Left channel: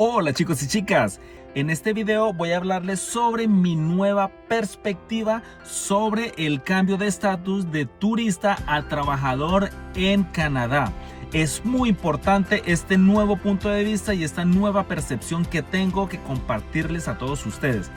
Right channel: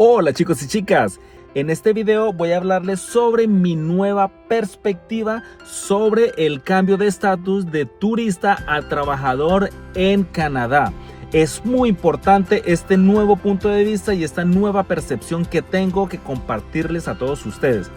Hola chicos y chicas, en este video voy a hablarles sobre mi nueva perspectiva sobre el cambio de estatus de turista a trabajador en Canadá. Es muy importante este nuevo punto de vista y esta nueva percepción que tengo que compartirles a todos ustedes.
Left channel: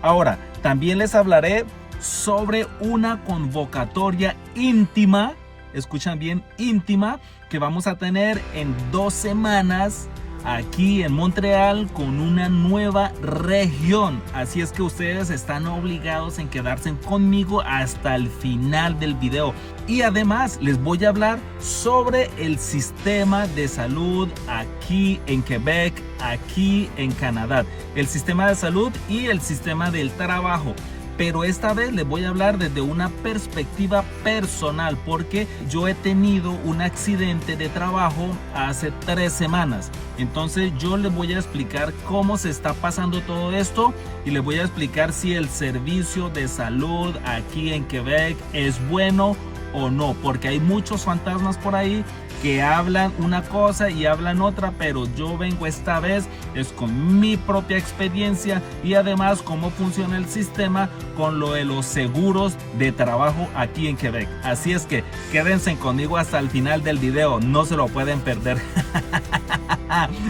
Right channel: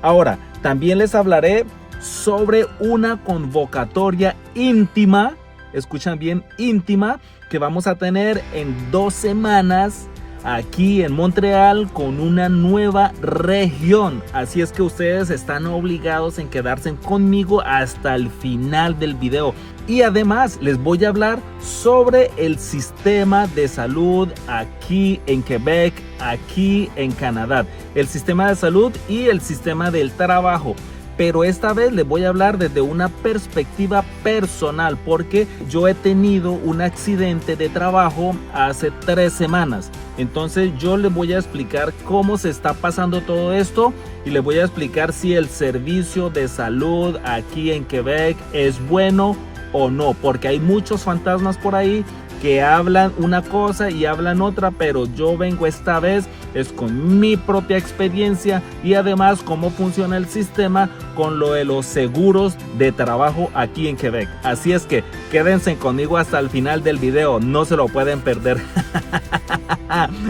Ahora, también les hablaré sobre una convocatoria íntima, escuchan bien, íntima, que vamos a tener en 2 semanas aquí en Montreal con una nueva región. Así es que ustedes están obligados en quedarse conmigo hasta el final del video. Y además les voy a hablar sobre el sistema de salud aquí en Quebec, aquí en Canadá. El sistema de salud y el sistema del trabajo. Pero esta vez les voy a hablar desde una perspectiva personal porque yo he tenido un accidente de trabajo hace 3 semanas. Entonces yo les voy a explicar cómo se está pasando todo esto y les voy a explicar si el servicio de salud aquí en Quebec es bueno o no, porque hay muchos fantasmas por ahí que hablan una cosa y hablan otra, pero yo vengo esta vez es con mi propia experiencia y además cómo funciona el sistema con lo de los seguros de trabajo aquí en Quebec. Así es que quédense conmigo hasta el final del video, no se lo pueden perder.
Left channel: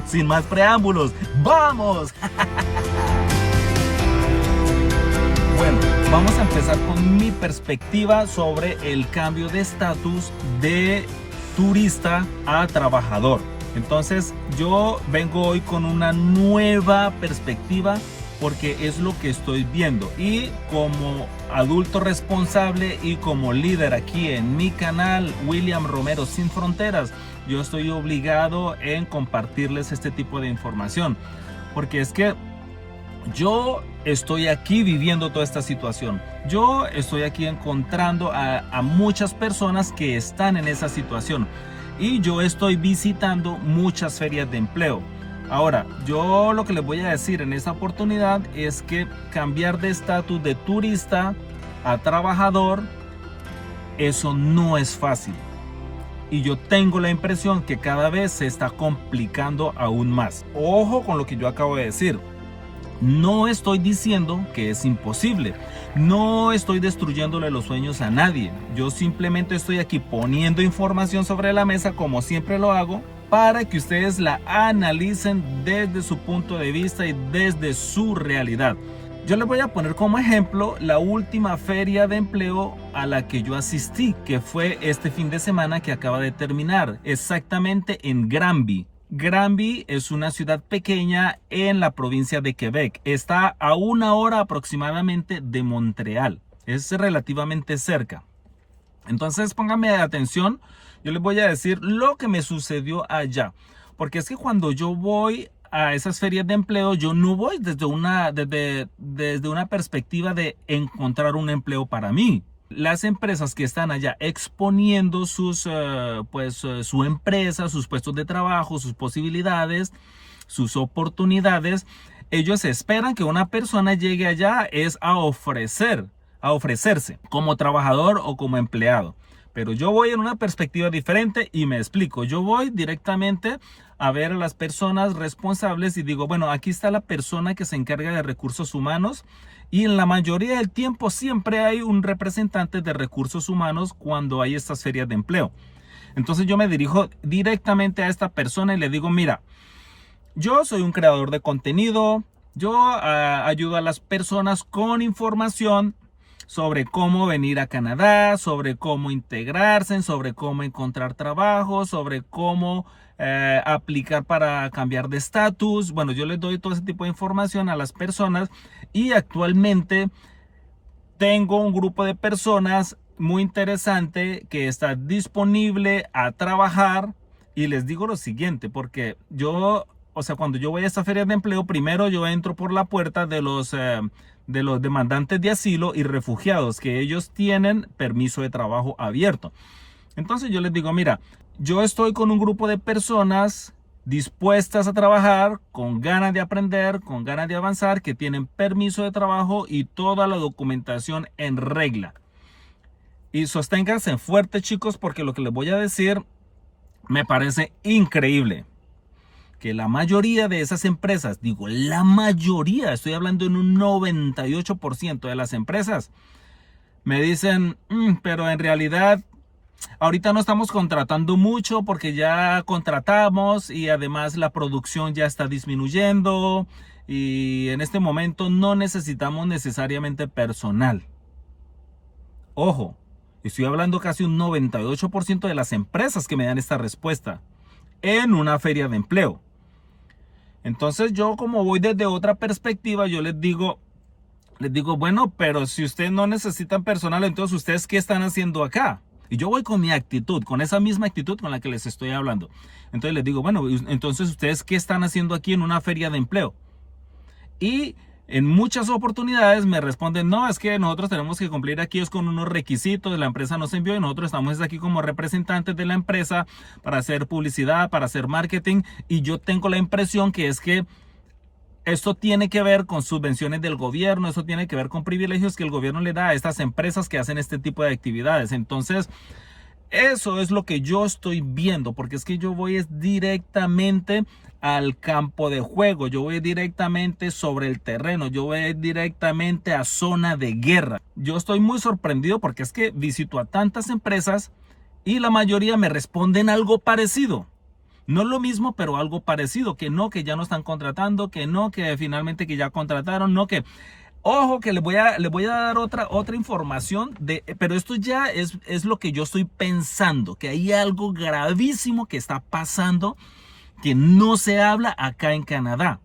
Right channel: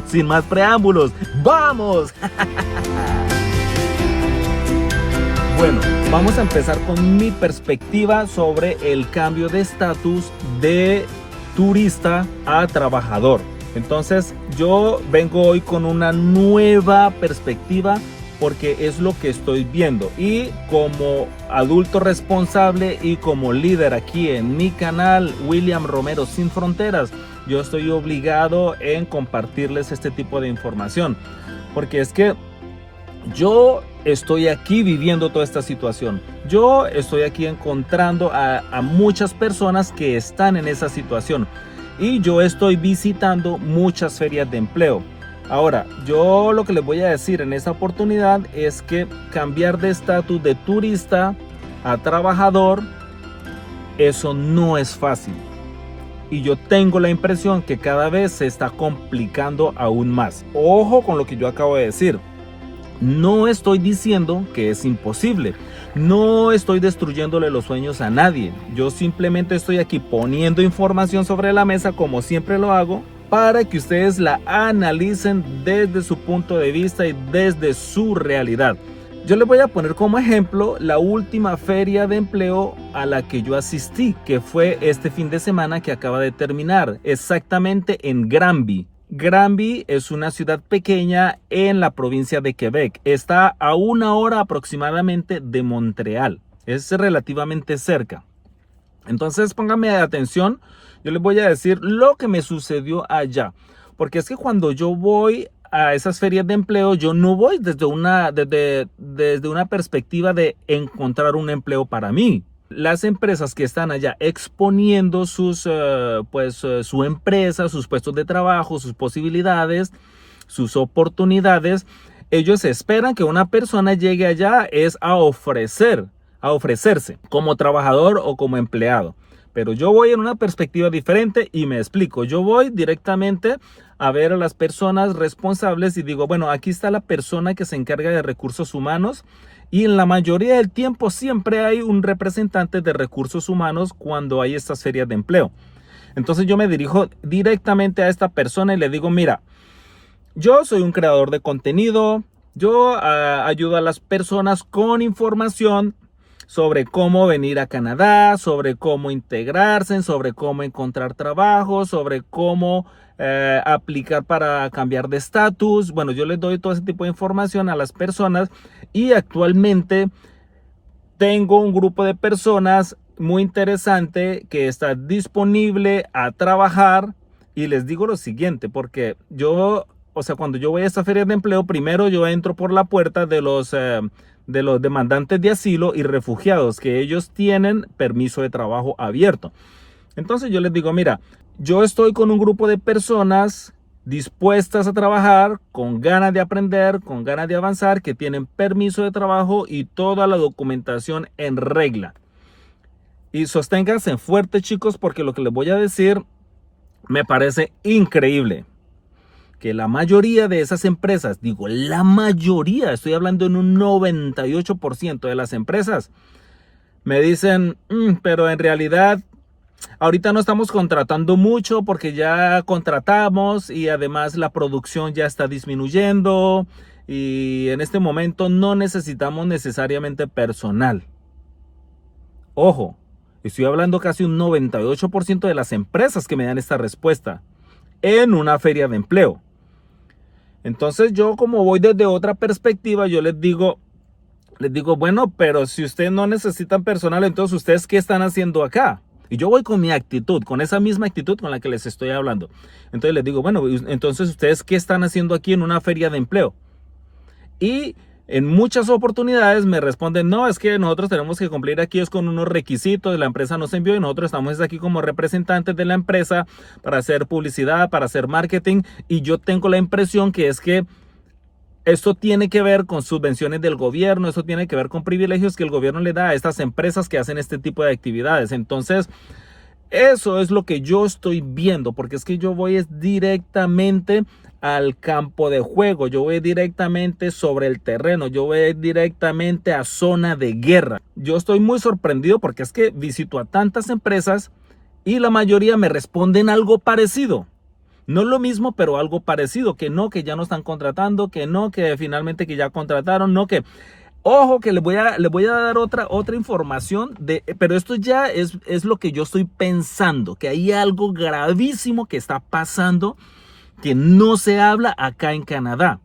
Sin más preámbulos, ¡vamos! Bueno, vamos a empezar con mi perspectiva sobre el cambio de estatus de turista a trabajador. Entonces yo vengo hoy con una nueva perspectiva porque es lo que estoy viendo y como adulto responsable y como líder aquí en mi canal William Romero Sin Fronteras, yo estoy obligado en compartirles este tipo de información porque es que yo estoy aquí viviendo toda esta situación. Yo estoy aquí encontrando a muchas personas que están en esa situación. Y yo estoy visitando muchas ferias de empleo. Ahora, yo lo que les voy a decir en esta oportunidad es que cambiar de estatus de turista a trabajador, eso no es fácil. Y yo tengo la impresión que cada vez se está complicando aún más. Ojo con lo que yo acabo de decir. No estoy diciendo que es imposible, no estoy destruyéndole los sueños a nadie, yo simplemente estoy aquí poniendo información sobre la mesa como siempre lo hago para que ustedes la analicen desde su punto de vista y desde su realidad. Yo les voy a poner como ejemplo la última feria de empleo a la que yo asistí, que fue este fin de semana que acaba de terminar, exactamente en Granby. Granby es una ciudad pequeña en la provincia de Quebec. Está a 1 hora aproximadamente de Montreal. Es relativamente cerca. Entonces pónganme atención. Yo les voy a decir lo que me sucedió allá. Porque es que cuando yo voy a esas ferias de empleo, yo no voy desde una perspectiva de encontrar un empleo para mí. Las empresas que están allá exponiendo su empresa, sus puestos de trabajo, sus posibilidades, sus oportunidades, ellos esperan que una persona llegue allá es a ofrecerse como trabajador o como empleado. Pero yo voy en una perspectiva diferente y me explico. Yo voy directamente a ver a las personas responsables y digo, bueno, aquí está la persona que se encarga de recursos humanos. Y en la mayoría del tiempo siempre hay un representante de recursos humanos cuando hay estas ferias de empleo. Entonces yo me dirijo directamente a esta persona y le digo, mira, yo soy un creador de contenido, yo ayudo a las personas con información sobre cómo venir a Canadá, sobre cómo integrarse, sobre cómo encontrar trabajo, sobre cómo aplicar para cambiar de estatus. Bueno, yo les doy todo ese tipo de información a las personas y actualmente tengo un grupo de personas muy interesante que está disponible a trabajar y les digo lo siguiente, porque yo, cuando yo voy a esta feria de empleo, primero yo entro por la puerta de los demandantes de asilo y refugiados, que ellos tienen permiso de trabajo abierto. Entonces yo les digo, mira, yo estoy con un grupo de personas dispuestas a trabajar, con ganas de aprender, con ganas de avanzar, que tienen permiso de trabajo y toda la documentación en regla. Y sosténganse fuerte, chicos, porque lo que les voy a decir me parece increíble. que la mayoría de esas empresas, digo la mayoría, estoy hablando en un 98% de las empresas, me dicen, pero en realidad ahorita no estamos contratando mucho porque ya contratamos y además la producción ya está disminuyendo y en este momento no necesitamos necesariamente personal. Ojo, estoy hablando casi un 98% de las empresas que me dan esta respuesta en una feria de empleo. Entonces yo, como voy desde otra perspectiva, yo les digo, bueno, pero si ustedes no necesitan personal, entonces ¿ustedes qué están haciendo acá? Y yo voy con mi actitud, con esa misma actitud con la que les estoy hablando. Entonces les digo, bueno, entonces ¿ustedes qué están haciendo aquí en una feria de empleo? Y en muchas oportunidades me responden, no, es que nosotros tenemos que cumplir aquí es con unos requisitos, la empresa nos envió y nosotros estamos aquí como representantes de la empresa para hacer publicidad, para hacer marketing. Y yo tengo la impresión que es que esto tiene que ver con subvenciones del gobierno, eso tiene que ver con privilegios que el gobierno le da a estas empresas que hacen este tipo de actividades. Entonces, eso es lo que yo estoy viendo, porque es que yo voy directamente al campo de juego, yo voy directamente sobre el terreno, yo voy directamente a zona de guerra. Yo estoy muy sorprendido porque es que visito a tantas empresas y la mayoría me responden algo parecido. No lo mismo, pero algo parecido, que no, que ya no están contratando, que no, que finalmente que ya contrataron, no, que... Ojo que les voy a dar otra información, pero esto ya es lo que yo estoy pensando, que hay algo gravísimo que está pasando que no se habla acá en Canadá.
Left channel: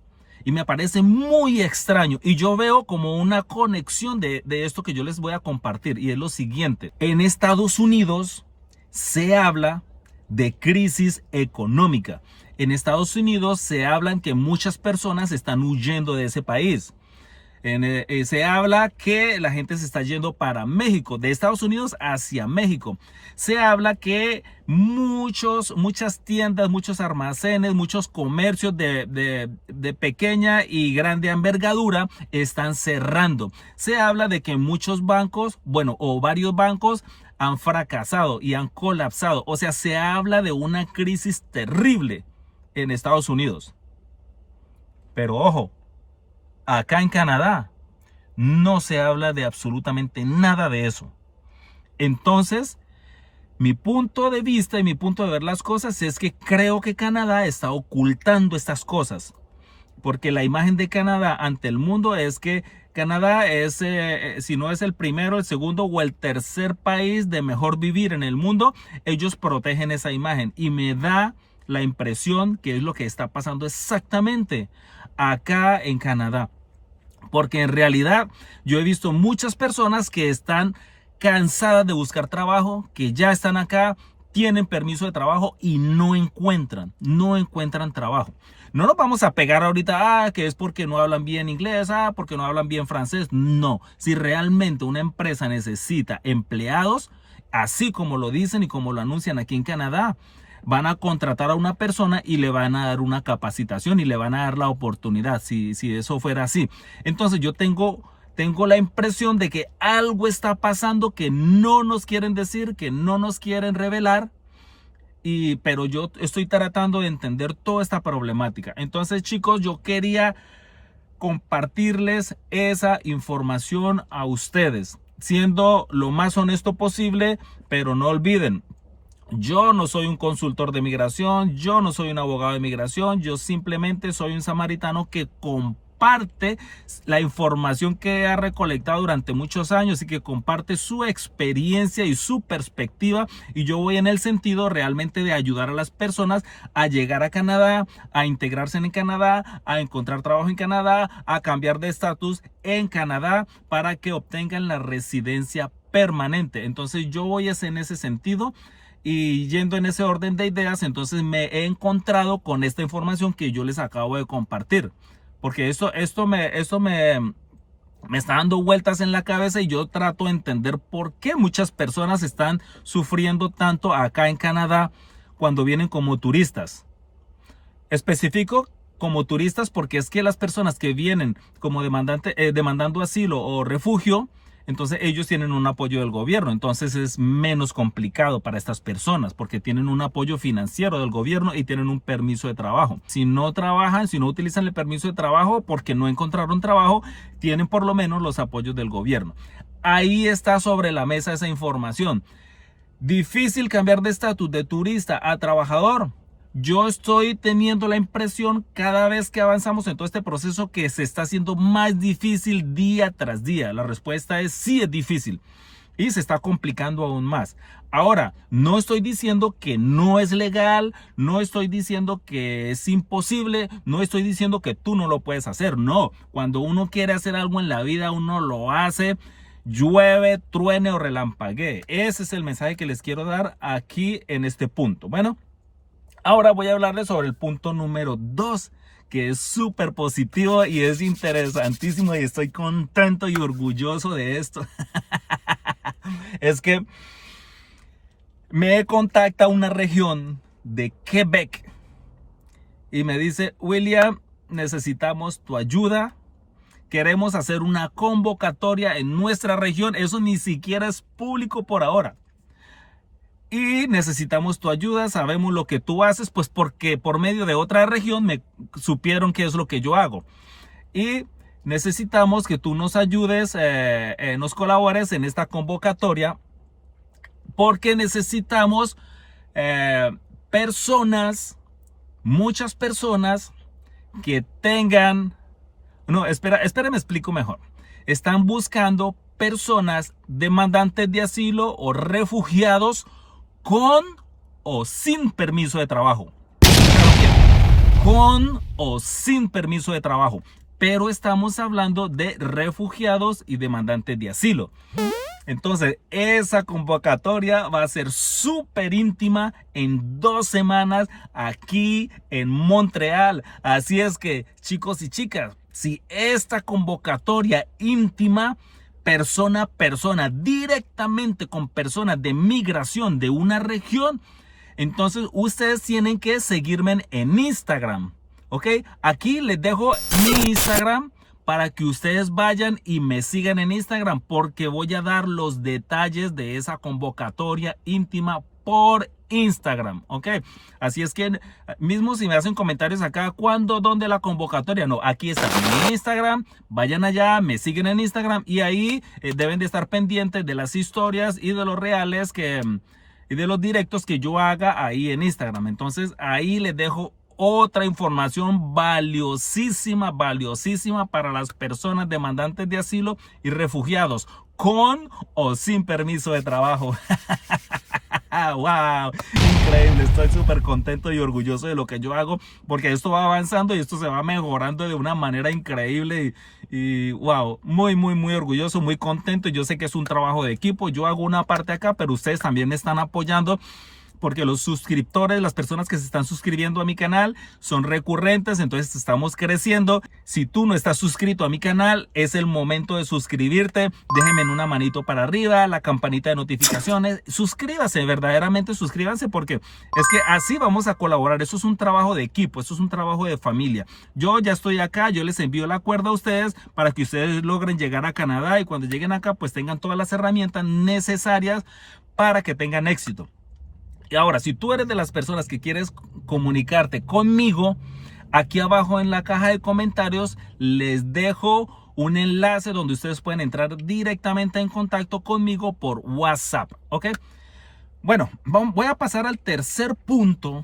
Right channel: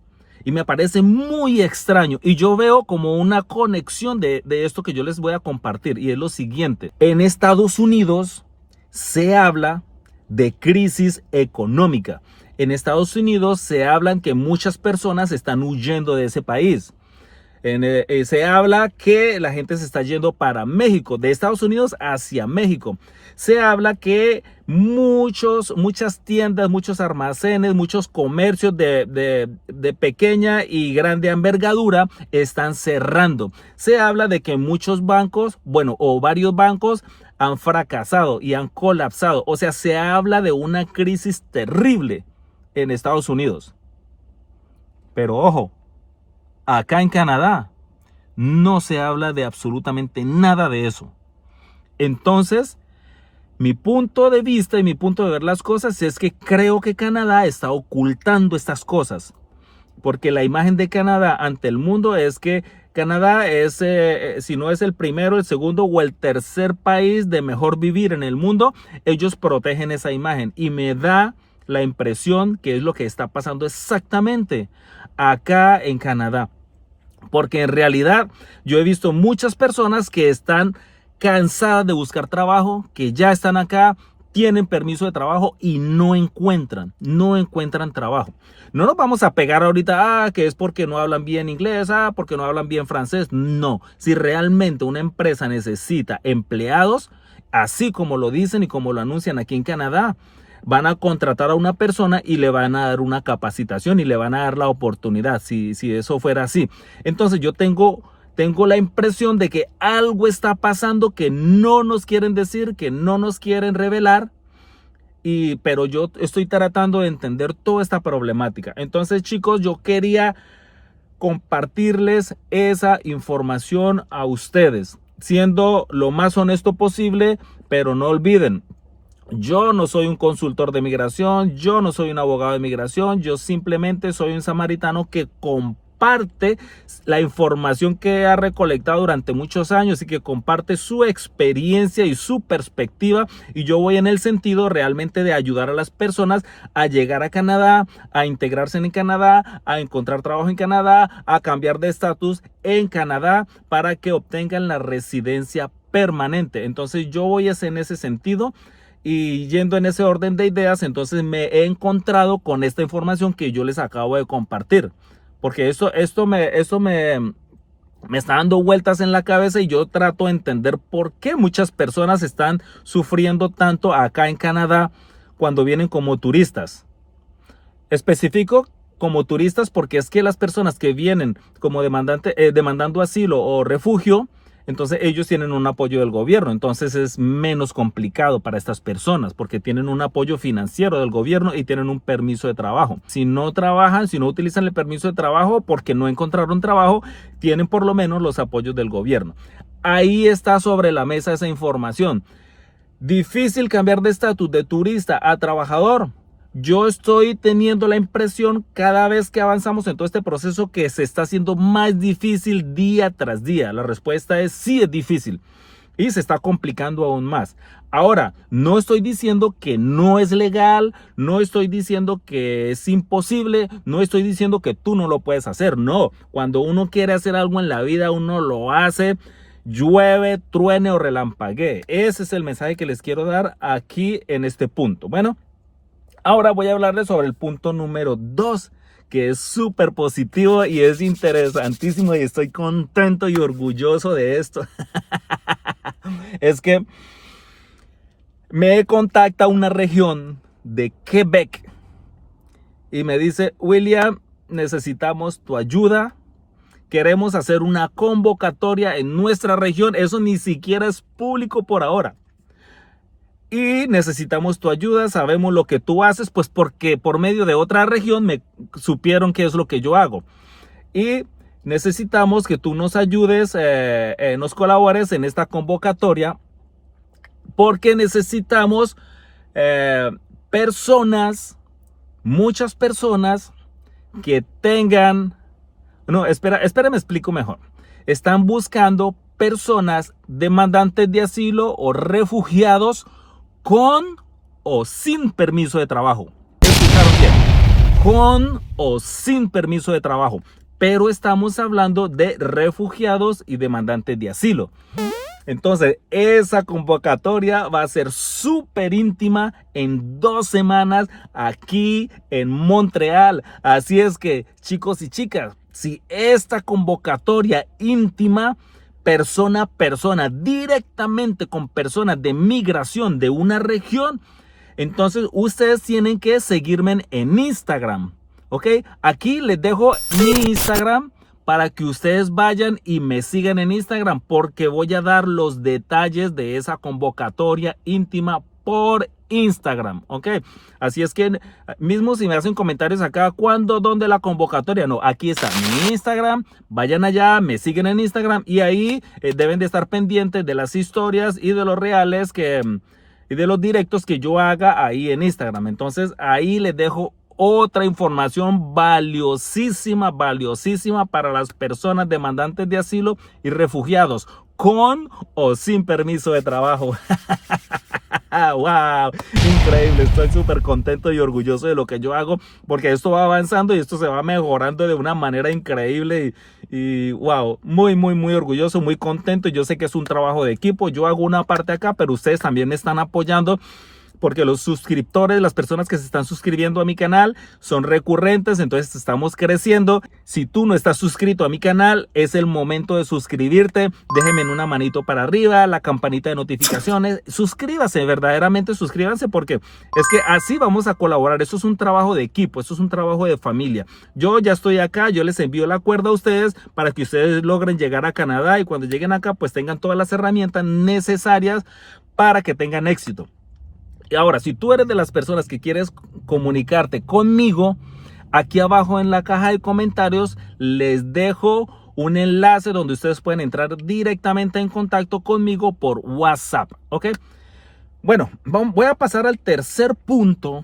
Y me parece muy extraño. Y yo veo como una conexión de esto que yo les voy a compartir. Y es lo siguiente. En Estados Unidos se habla de crisis económica. En Estados Unidos se hablan que muchas personas están huyendo de ese país. Se habla que la gente se está yendo para México, de Estados Unidos hacia México. Se habla que muchas tiendas, muchos almacenes, muchos comercios de pequeña y grande envergadura están cerrando. Se habla de que muchos bancos, o varios bancos han fracasado y han colapsado. O sea, se habla de una crisis terrible en Estados Unidos. Pero ojo, acá en Canadá no se habla de absolutamente nada de eso. Entonces, mi punto de vista y mi punto de ver las cosas es que creo que Canadá está ocultando estas cosas. Porque la imagen de Canadá ante el mundo es que Canadá es, si no es el primero, el segundo o el tercer país de mejor vivir en el mundo, ellos protegen esa imagen. Y me da la impresión que es lo que está pasando exactamente acá en Canadá. Porque en realidad yo he visto muchas personas que están cansadas de buscar trabajo, que ya están acá, tienen permiso de trabajo y no encuentran trabajo. No nos vamos a pegar ahorita, que es porque no hablan bien inglés, porque no hablan bien francés. No, si realmente una empresa necesita empleados, así como lo dicen y como lo anuncian aquí en Canadá, van a contratar a una persona y le van a dar una capacitación y le van a dar la oportunidad, si eso fuera así. Entonces yo tengo la impresión de que algo está pasando que no nos quieren decir, que no nos quieren revelar, pero yo estoy tratando de entender toda esta problemática. Entonces, chicos, yo quería compartirles esa información a ustedes, siendo lo más honesto posible, pero no olviden, yo no soy un consultor de migración, yo no soy un abogado de migración, yo simplemente soy un samaritano que comparte la información que ha recolectado durante muchos años y que comparte su experiencia y su perspectiva, y yo voy en el sentido realmente de ayudar a las personas a llegar a Canadá, a integrarse en Canadá, a encontrar trabajo en Canadá, a cambiar de estatus en Canadá para que obtengan la residencia permanente. Entonces yo voy en ese sentido. Y yendo en ese orden de ideas, entonces me he encontrado con esta información que yo les acabo de compartir. Porque esto me está dando vueltas en la cabeza y yo trato de entender por qué muchas personas están sufriendo tanto acá en Canadá cuando vienen como turistas. Específico como turistas porque es que las personas que vienen como demandando asilo o refugio, entonces ellos tienen un apoyo del gobierno, entonces es menos complicado para estas personas porque tienen un apoyo financiero del gobierno y tienen un permiso de trabajo. Si no trabajan, si no utilizan el permiso de trabajo porque no encontraron trabajo, tienen por lo menos los apoyos del gobierno. Ahí está sobre la mesa esa información. Difícil cambiar de estatus de turista a trabajador. Yo estoy teniendo la impresión cada vez que avanzamos en todo este proceso que se está haciendo más difícil día tras día. La respuesta es sí, es difícil y se está complicando aún más. Ahora, no estoy diciendo que no es legal, no estoy diciendo que es imposible, no estoy diciendo que tú no lo puedes hacer. No, cuando uno quiere hacer algo en la vida, uno lo hace. Llueve, truene o relampaguee. Ese es el mensaje que les quiero dar aquí en este punto. Bueno, ahora voy a hablarles sobre el punto número 2, que es súper positivo y es interesantísimo y estoy contento y orgulloso de esto. Es que me contacta una región de Quebec y me dice: William, necesitamos tu ayuda. Queremos hacer una convocatoria en nuestra región. Eso ni siquiera es público por ahora. Y necesitamos tu ayuda. Sabemos lo que tú haces, pues porque por medio de otra región me supieron qué es lo que yo hago. Y necesitamos que tú nos ayudes, nos colabores en esta convocatoria, porque necesitamos personas, muchas personas que tengan... No, espera, me explico mejor. Están buscando personas demandantes de asilo o refugiados con o sin permiso de trabajo. ¿Escucharon bien? Con o sin permiso de trabajo. Pero estamos hablando de refugiados y demandantes de asilo. Entonces, esa convocatoria va a ser súper íntima en 2 semanas aquí en Montreal. Así es que, chicos y chicas, si esta convocatoria íntima, persona a persona, directamente con personas de migración de una región, entonces ustedes tienen que seguirme en Instagram, ¿ok? Aquí les dejo mi Instagram para que ustedes vayan y me sigan en Instagram, porque voy a dar los detalles de esa convocatoria íntima por Instagram, ¿ok? Así es que mismo si me hacen comentarios acá, ¿cuándo, dónde la convocatoria? No, aquí está mi Instagram, vayan allá, me siguen en Instagram y ahí deben de estar pendientes de las historias y de los reales y de los directos que yo haga ahí en Instagram. Entonces ahí les dejo otra información valiosísima para las personas demandantes de asilo y refugiados con o sin permiso de trabajo. ¡Wow! Increíble, estoy súper contento y orgulloso de lo que yo hago, porque esto va avanzando y esto se va mejorando de una manera increíble y wow, muy orgulloso, muy contento. Yo sé que es un trabajo de equipo, yo hago una parte acá, pero ustedes también me están apoyando, porque los suscriptores, las personas que se están suscribiendo a mi canal son recurrentes, entonces estamos creciendo. Si tú no estás suscrito a mi canal, es el momento de suscribirte. Déjenme en una manito para arriba, la campanita de notificaciones. Suscríbase, verdaderamente suscríbanse, porque es que así vamos a colaborar. Esto es un trabajo de equipo, esto es un trabajo de familia. Yo ya estoy acá, yo les envío la cuerda a ustedes para que ustedes logren llegar a Canadá y cuando lleguen acá pues tengan todas las herramientas necesarias para que tengan éxito. Y ahora, si tú eres de las personas que quieres comunicarte conmigo, aquí abajo en la caja de comentarios les dejo un enlace donde ustedes pueden entrar directamente en contacto conmigo por WhatsApp, ¿ok? Bueno, voy a pasar al tercer punto.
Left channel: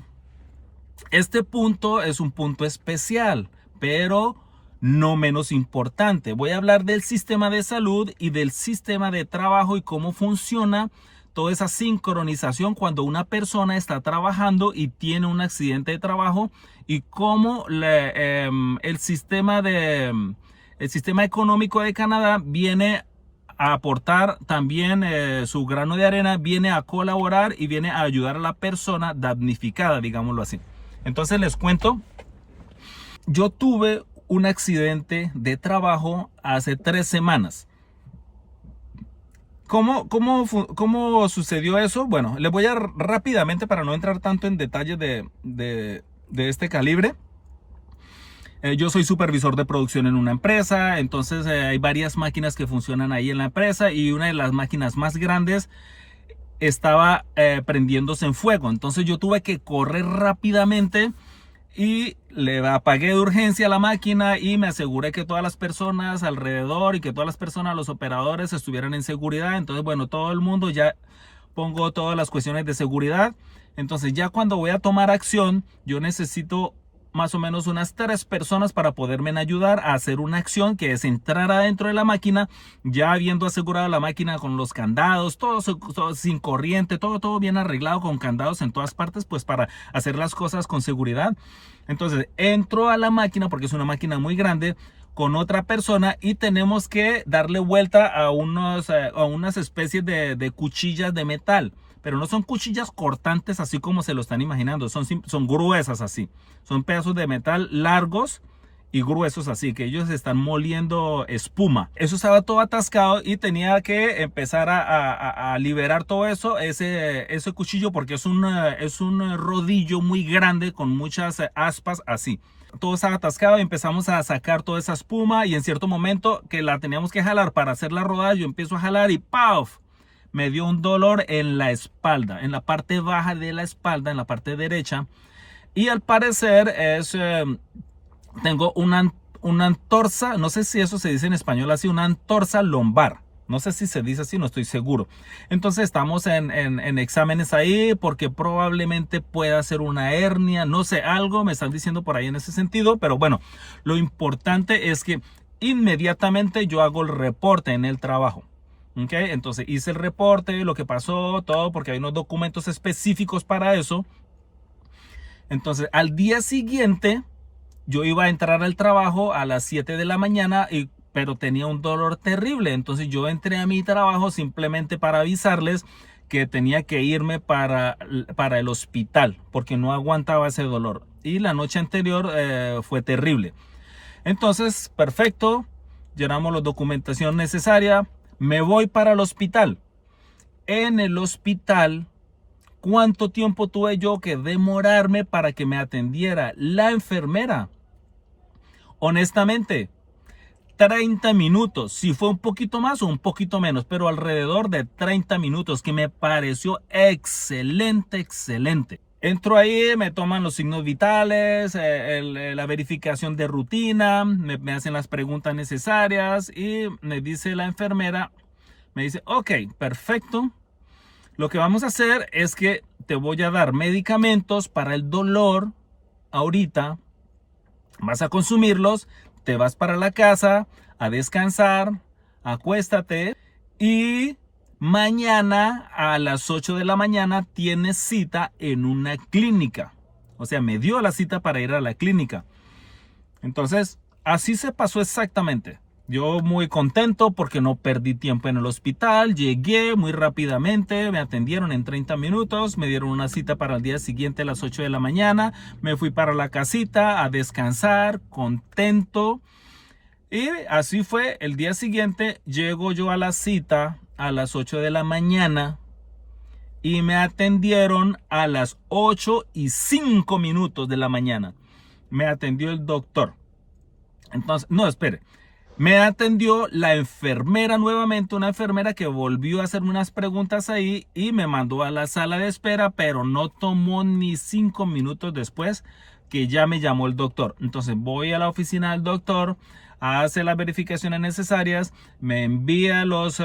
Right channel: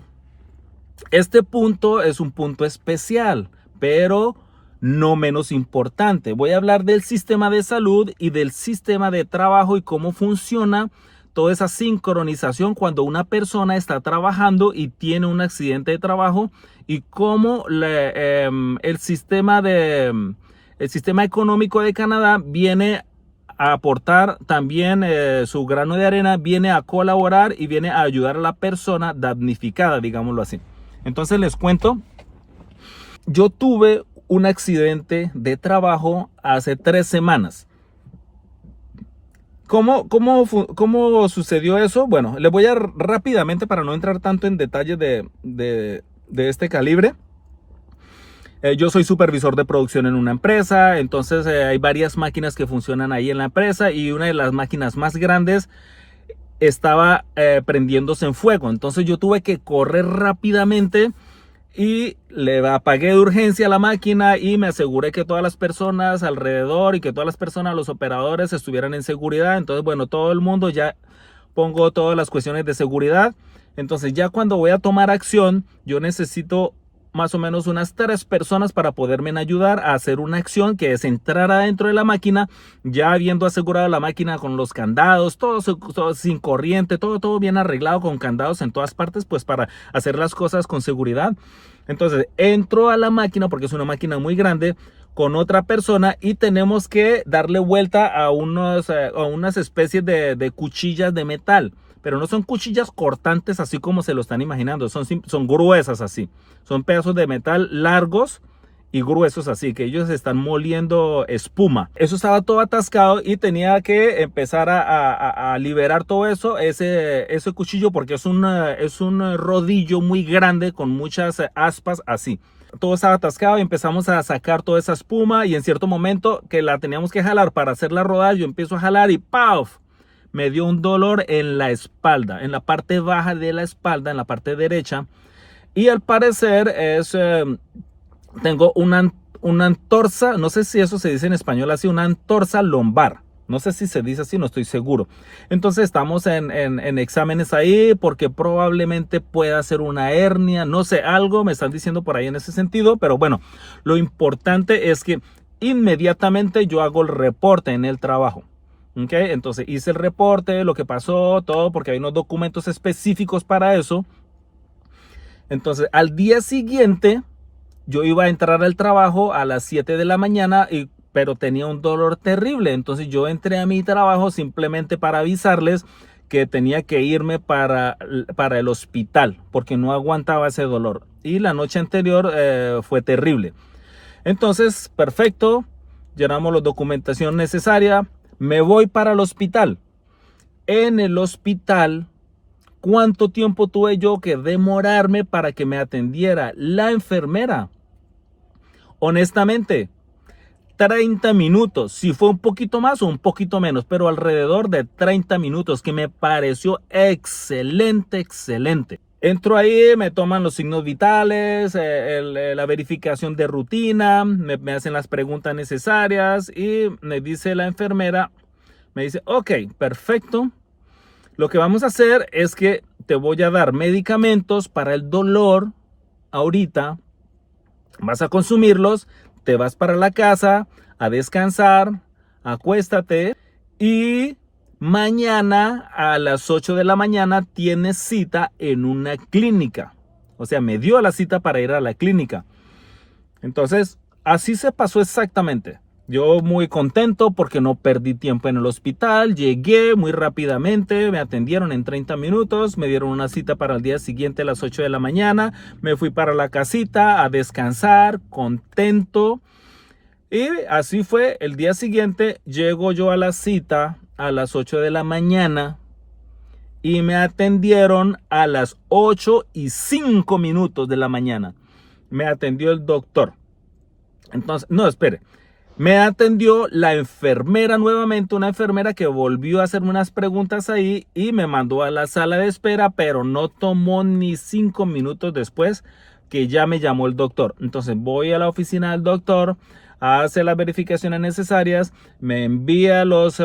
Este punto es un punto especial, pero no menos importante. Voy a hablar del sistema de salud y del sistema de trabajo y cómo funciona toda esa sincronización cuando una persona está trabajando y tiene un accidente de trabajo, y cómo el sistema económico de Canadá viene a aportar también su grano de arena, viene a colaborar y viene a ayudar a la persona damnificada, digámoslo así. Entonces les cuento, yo tuve un accidente de trabajo hace 3 semanas. ¿Cómo sucedió eso? Bueno, les voy a rápidamente, para no entrar tanto en detalles de este calibre. Yo soy supervisor de producción en una empresa, entonces hay varias máquinas que funcionan ahí en la empresa y una de las máquinas más grandes estaba prendiéndose en fuego. Entonces yo tuve que correr rápidamente y le apagué de urgencia a la máquina y me aseguré que todas las personas alrededor y que todas las personas, los operadores, estuvieran en seguridad. Entonces, bueno, todo el mundo, ya pongo todas las cuestiones de seguridad. Entonces ya cuando voy a tomar acción, yo necesito más o menos unas 3 personas para poderme ayudar a hacer una acción, que es entrar adentro de la máquina, ya habiendo asegurado la máquina con los candados, todo sin corriente, todo bien arreglado con candados en todas partes, pues para hacer las cosas con seguridad. Entonces entro a la máquina, porque es una máquina muy grande, con otra persona, y tenemos que darle vuelta a unas especies de cuchillas de metal. Pero no son cuchillas cortantes así como se lo están imaginando, son gruesas así. Son pedazos de metal largos y gruesos así, que ellos están moliendo espuma. Eso estaba todo atascado y tenía que empezar a liberar todo eso, ese cuchillo, porque es un rodillo muy grande con muchas aspas así. Todo estaba atascado y empezamos a sacar toda esa espuma, y en cierto momento que la teníamos que jalar para hacerla rodar, yo empiezo a jalar y ¡paf! Me dio un dolor en la espalda, en la parte baja de la espalda, en la parte derecha. Y al parecer tengo una antorsa, no sé si eso se dice en español así, una antorsa lumbar. No sé si se dice así, no estoy seguro. Entonces estamos en exámenes ahí, porque probablemente pueda ser una hernia, no sé, algo me están diciendo por ahí en ese sentido. Pero bueno, lo importante es que inmediatamente yo hago el reporte en el trabajo. Okay, entonces hice el reporte, lo que pasó, todo, porque hay unos documentos específicos para eso. Entonces al día siguiente yo iba a entrar al trabajo a las 7 de la mañana, pero tenía un dolor terrible. Entonces yo entré a mi trabajo simplemente para avisarles que tenía que irme para el hospital, porque no aguantaba ese dolor. Y la noche anterior fue terrible. Entonces, perfecto, llenamos la documentación necesaria. Me voy para el hospital. En el hospital, ¿cuánto tiempo tuve yo que demorarme para que me atendiera la enfermera? Honestamente, 30 minutos. Si fue un poquito más o un poquito menos, pero alrededor de 30 minutos, que me pareció excelente, excelente. Entro ahí, me toman los signos vitales, la verificación de rutina, me hacen las preguntas necesarias y me dice la enfermera, me dice, ok, perfecto. Lo que vamos a hacer es que te voy a dar medicamentos para el dolor ahorita, vas a consumirlos, te vas para la casa a descansar, acuéstate y mañana a las 8 de la mañana tienes cita en una clínica. O sea, me dio la cita para ir a la clínica. Entonces, así se pasó exactamente. Yo muy contento porque no perdí tiempo en el hospital. Llegué muy rápidamente, me atendieron en 30 minutos, me dieron una cita para el día siguiente a las 8 de la mañana. Me fui para la casita a descansar, contento. Y así fue. El día siguiente llego yo a la cita a las 8 de la mañana y me atendieron a las 8:05 de la mañana. Me atendió el doctor. Entonces, no, espere. Me atendió la enfermera nuevamente, una enfermera que volvió a hacerme unas preguntas ahí y me mandó a la sala de espera, pero no tomó ni 5 minutos después que ya me llamó el doctor. Entonces voy a la oficina del doctor, hace las verificaciones necesarias, me envía los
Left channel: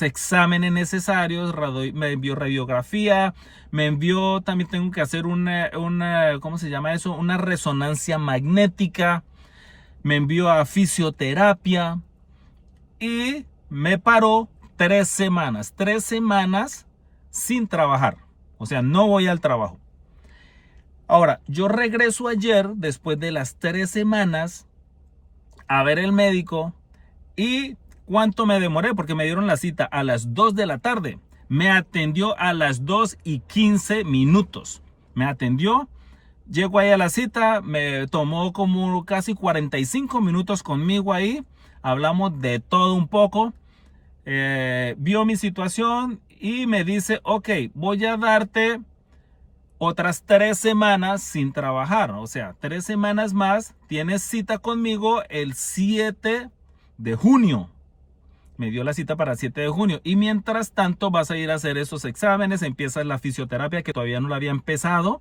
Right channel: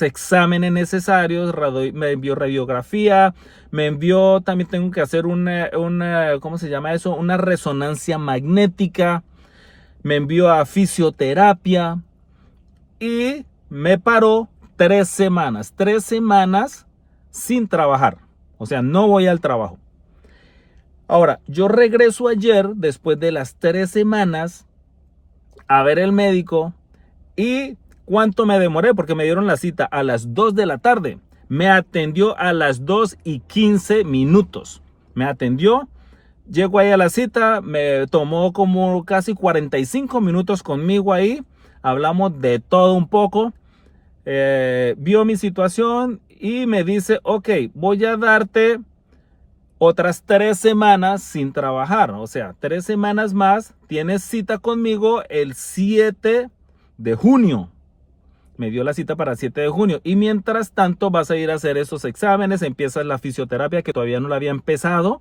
exámenes necesarios, me envió radiografía, me envió, también tengo que hacer ¿cómo se llama eso? Una resonancia magnética. Me envió a fisioterapia y me paró 3 semanas. 3 semanas sin trabajar. O sea, no voy al trabajo. Ahora, yo regreso ayer, después de las 3 semanas, a ver el médico. ¿Y cuánto me demoré? Porque me dieron la cita a las 2 de la tarde. Me atendió a las 2:15. Me atendió. Llego ahí a la cita, me tomó como casi 45 minutos conmigo ahí. Hablamos de todo un poco. Vio mi situación y me dice, ok, voy a darte otras 3 semanas sin trabajar. O sea, 3 semanas más. Tienes cita conmigo el 7 de junio. Me dio la cita para el 7 de junio. Y mientras tanto vas a ir a hacer esos exámenes. Empieza la fisioterapia, que todavía no la había empezado.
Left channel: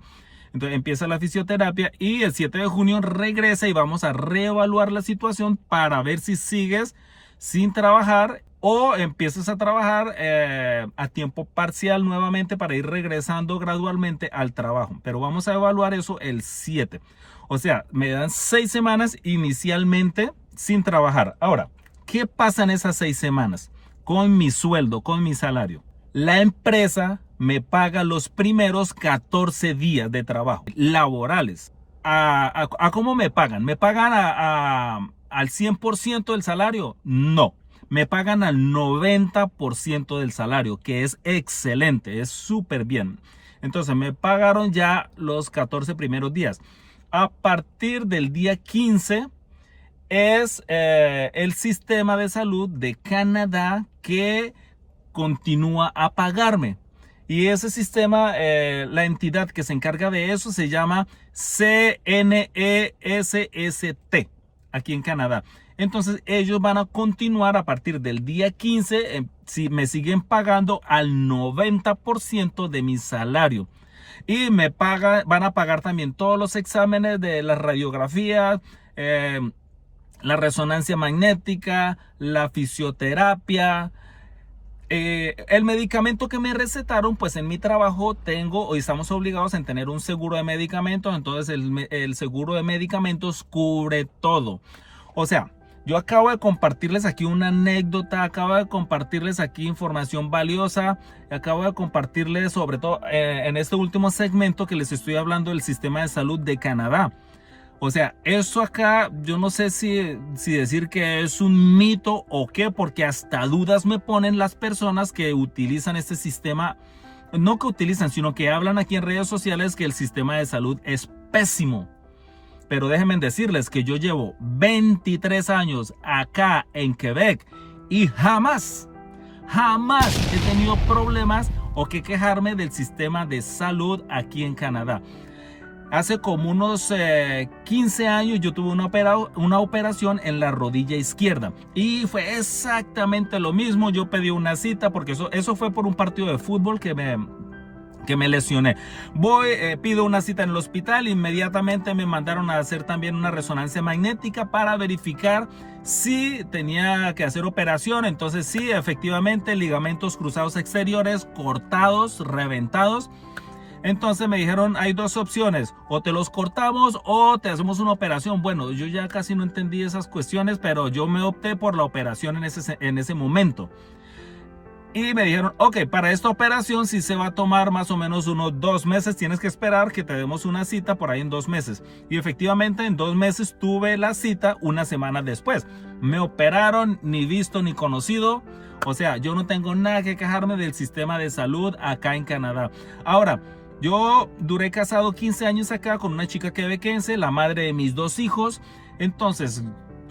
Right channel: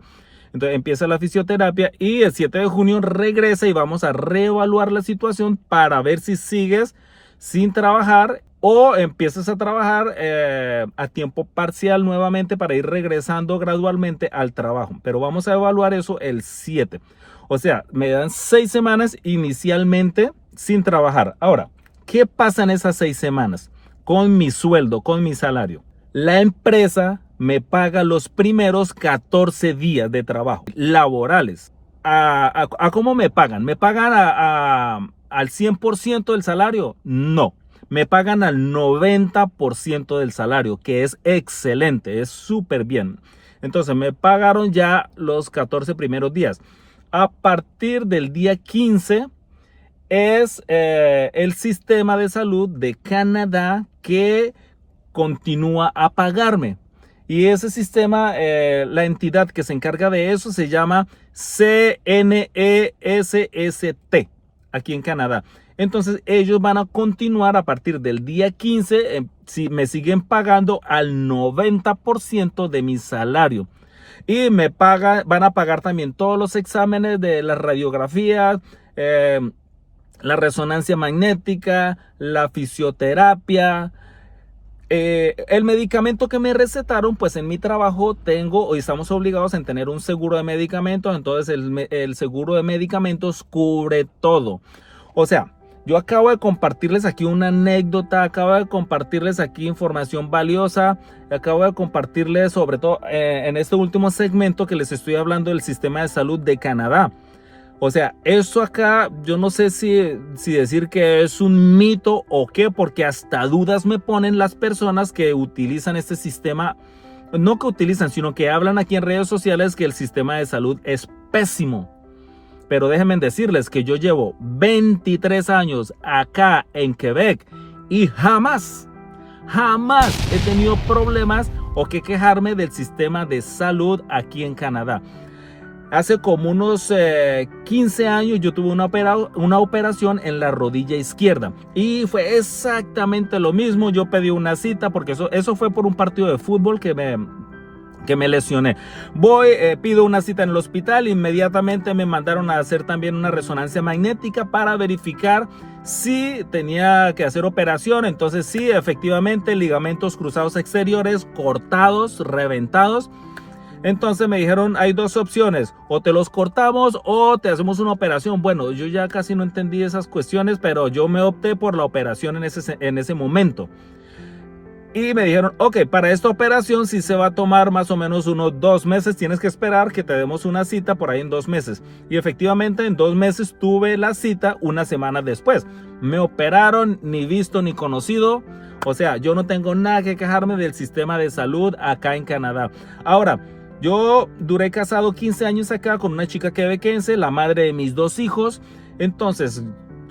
Entonces empieza la fisioterapia y el 7 de junio regresa y vamos a reevaluar la situación para ver si sigues sin trabajar o empiezas a trabajar a tiempo parcial nuevamente para ir regresando gradualmente al trabajo. Pero vamos a evaluar eso el 7. O sea, me dan 6 semanas inicialmente sin trabajar. Ahora, ¿qué pasa en esas 6 semanas? Con mi sueldo, con mi salario. La empresa me paga los primeros 14 días de trabajo laborales. ¿A cómo me pagan? ¿Me pagan al 100% del salario? No. Me pagan al 90% del salario, que es excelente, es súper bien. Entonces me pagaron ya los 14 primeros días. A partir del día 15 es el sistema de salud de Canadá que continúa a pagarme. Y ese sistema, la entidad que se encarga de eso se llama CNESST aquí en Canadá. Entonces ellos van a continuar a partir del día 15, si me siguen pagando al 90% de mi salario. Y van a pagar también todos los exámenes de las radiografías, la resonancia magnética, la fisioterapia. El medicamento que me recetaron, pues en mi trabajo estamos obligados a tener un seguro de medicamentos. Entonces el seguro de medicamentos cubre todo. O sea, yo acabo de compartirles aquí una anécdota, acabo de compartirles aquí información valiosa, acabo de compartirles sobre todo en este último segmento que les estoy hablando del sistema de salud de Canadá. O sea, eso acá, yo no sé si decir que es un mito o qué, porque hasta dudas me ponen las personas que utilizan este sistema. No que utilizan, sino que hablan aquí en redes sociales que el sistema de salud es pésimo. Pero déjenme decirles que yo llevo 23 años acá en Quebec y jamás he tenido problemas o que quejarme del sistema de salud aquí en Canadá. Hace como unos 15 años yo tuve una operación en la rodilla izquierda y fue exactamente lo mismo. Yo pedí una cita porque eso fue por un partido de fútbol que me lesioné. Pido una cita en el hospital, inmediatamente me mandaron a hacer también una resonancia magnética para verificar si tenía que hacer operación. Entonces sí, efectivamente, ligamentos cruzados exteriores cortados, reventados. Entonces me dijeron, hay 2 opciones, o te los cortamos o te hacemos una operación. Bueno, yo ya casi no entendí esas cuestiones, pero yo me opté por la operación en ese momento. Y me dijeron, ok, para esta operación sí se va a tomar más o menos unos 2 meses. Tienes que esperar que te demos una cita por ahí en 2 meses. Y efectivamente en 2 meses tuve la cita una semana después. Me operaron, ni visto ni conocido. O sea, yo no tengo nada que quejarme del sistema de salud acá en Canadá. Ahora, yo duré casado 15 años acá con una chica quebequense, la madre de mis 2 hijos. Entonces,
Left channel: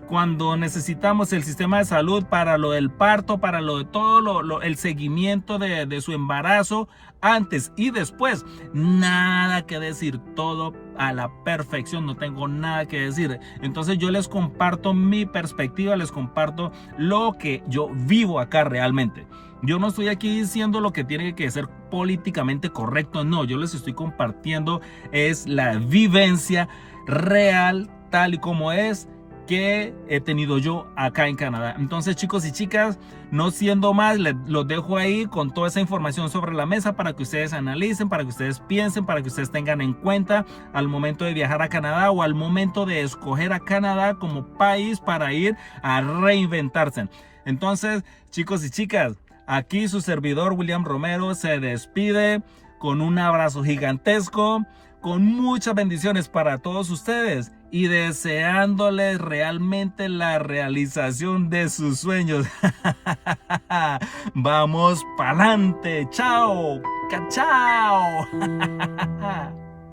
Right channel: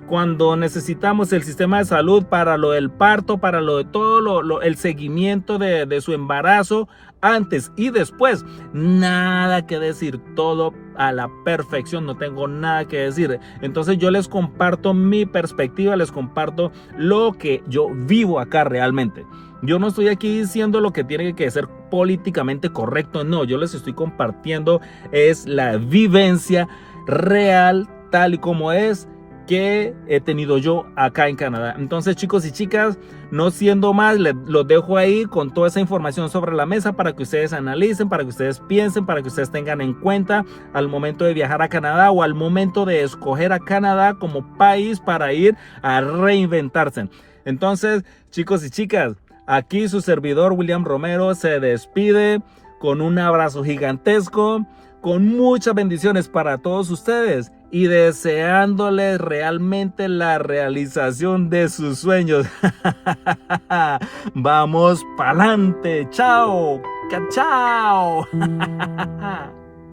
cuando necesitamos el sistema de salud para lo del parto, para lo de todo el seguimiento de su embarazo, antes y después, nada que decir, todo a la perfección, no tengo nada que decir. Entonces yo les comparto mi perspectiva, les comparto lo que yo vivo acá realmente. Yo no estoy aquí diciendo lo que tiene que ser políticamente correcto, no, yo les estoy compartiendo es la vivencia real, tal y como es, que he tenido yo acá en Canadá. Entonces, chicos y chicas, no siendo más, los dejo ahí con toda esa información sobre la mesa para que ustedes analicen, para que ustedes piensen, para que ustedes tengan en cuenta al momento de viajar a Canadá o al momento de escoger a Canadá como país para ir a reinventarse. Entonces, chicos y chicas, aquí su servidor William Romero se despide con un abrazo gigantesco, con muchas bendiciones para todos ustedes y deseándoles realmente la realización de sus sueños. Vamos pa'lante. Chao. Chao.